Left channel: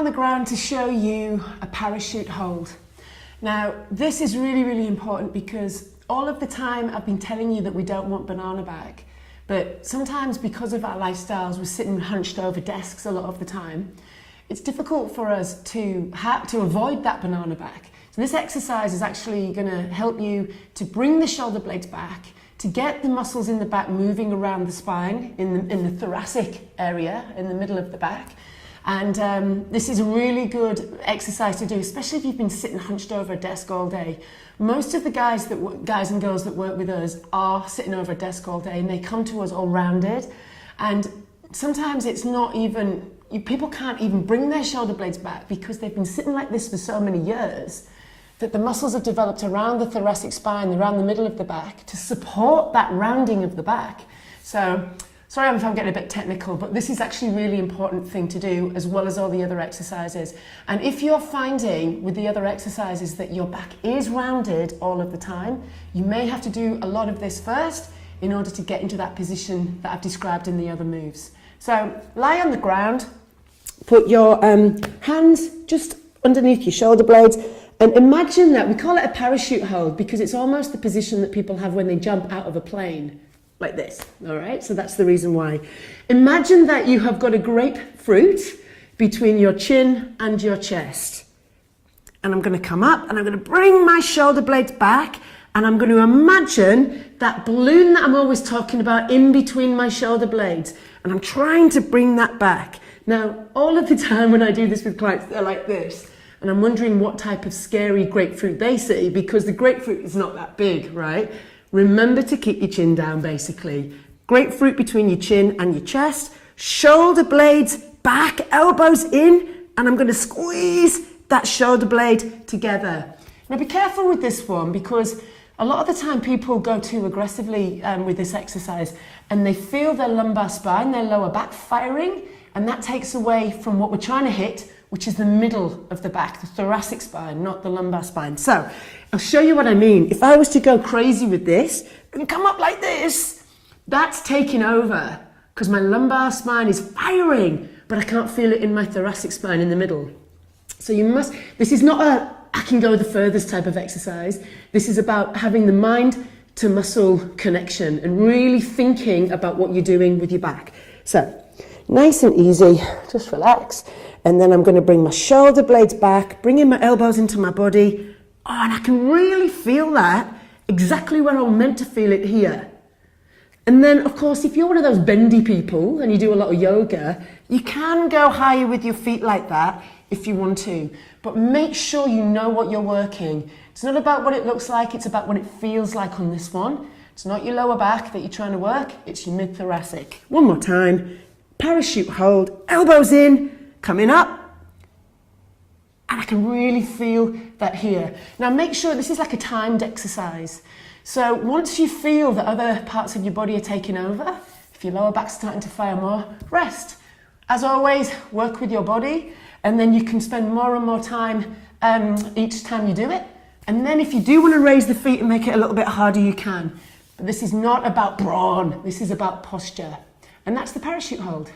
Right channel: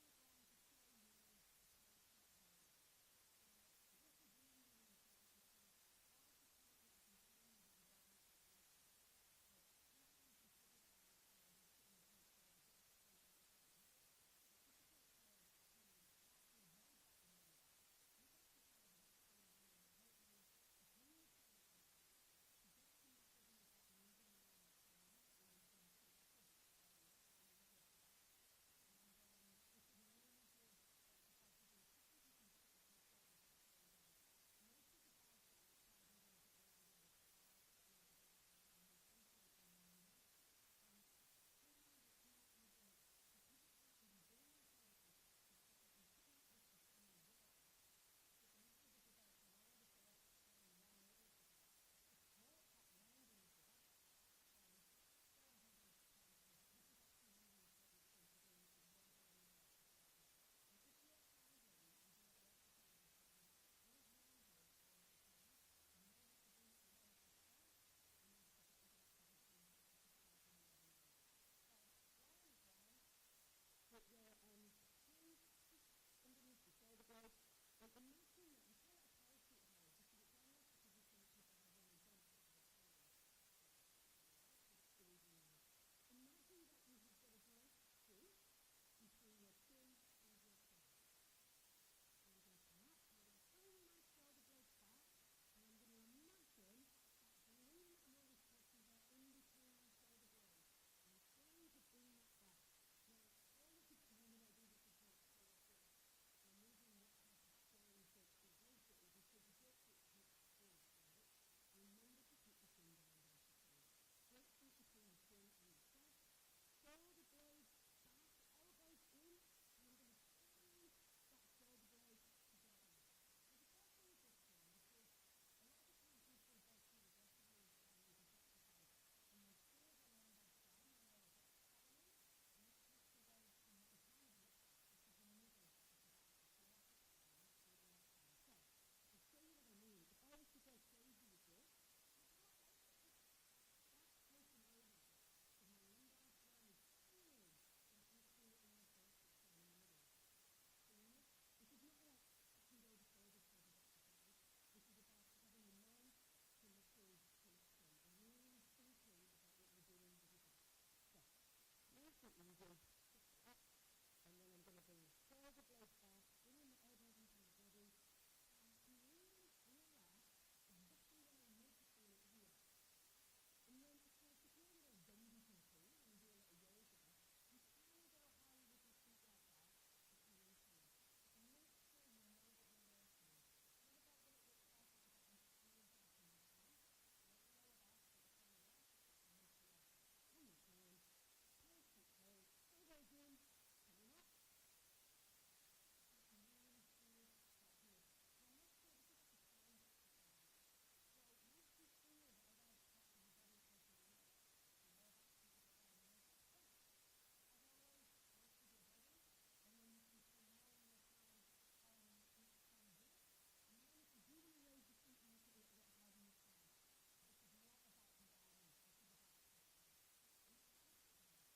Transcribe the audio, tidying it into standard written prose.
on the ground to show you a parachute hold. Now, this is really, really important because all of the time I've been telling you that we don't want banana back, but sometimes because of our lifestyles, we're sitting hunched over desks a lot of the time. It's difficult for us to avoid that banana back. So this exercise is actually going to help you to bring the shoulder blades back, to get the muscles in the back moving around the spine, in the thoracic area, in the middle of the back. And this is a really good exercise to do, especially if you've been sitting hunched over a desk all day. Most of the guys and girls that work with us are sitting over a desk all day, and they come to us all rounded. And sometimes it's not even, people can't even bring their shoulder blades back because they've been sitting like this for so many years that the muscles have developed around the thoracic spine, around the middle of the back, to support that rounding of the back. So, sorry if I'm getting a bit technical, but this is actually a really important thing to do, as well as all the other exercises. And if you're finding with the other exercises that your back is rounded all of the time, you may have to do a lot of this first in order to get into that position that I've described in the other moves. So lie on the ground, put your hands just underneath your shoulder blades, and imagine that, we call it a parachute hold because it's almost the position that people have when they jump out of a plane. Like this, all right? So that's the reason why. Imagine that you have got a grapefruit between your chin and your chest. And I'm going to come up and I'm going to bring my shoulder blades back, and I'm going to imagine that balloon that I'm always talking about in between my shoulder blades. And I'm trying to bring that back. Now, all of the time when I do this with clients, they're like this. And I'm wondering what type of scary grapefruit they see, because the grapefruit is not that big, right? Remember to keep your chin down, basically. Grapefruit between your chin and your chest, shoulder blades back, elbows in, and I'm going to squeeze that shoulder blade together. Now be careful with this one, because a lot of the time people go too aggressively with this exercise, and they feel their lumbar spine, their lower back firing, and that takes away from what we're trying to hit, which is the middle of the back, the thoracic spine, not the lumbar spine. So I'll show you what I mean. If I was to go crazy with this and come up like this, that's taking over because my lumbar spine is firing, but I can't feel it in my thoracic spine in the middle. So this is not a I can go the furthest type of exercise. This is about having the mind to muscle connection and really thinking about what you're doing with your back. So nice and easy, just relax. And then I'm going to bring my shoulder blades back, bringing my elbows into my body. Oh, and I can really feel that exactly where I'm meant to feel it here. And then, of course, if you're one of those bendy people and you do a lot of yoga, you can go higher with your feet like that if you want to. But make sure you know what you're working. It's not about what it looks like, it's about what it feels like on this one. It's not your lower back that you're trying to work, it's your mid-thoracic. One more time. Parachute hold, elbows in, coming up, and I can really feel that here. Now make sure this is like a timed exercise. So once you feel that other parts of your body are taking over, if your lower back's starting to fire more, rest. As always, work with your body, and then you can spend more and more time each time you do it. And then if you do want to raise the feet and make it a little bit harder, you can. But this is not about brawn, this is about posture. And that's the parachute hold.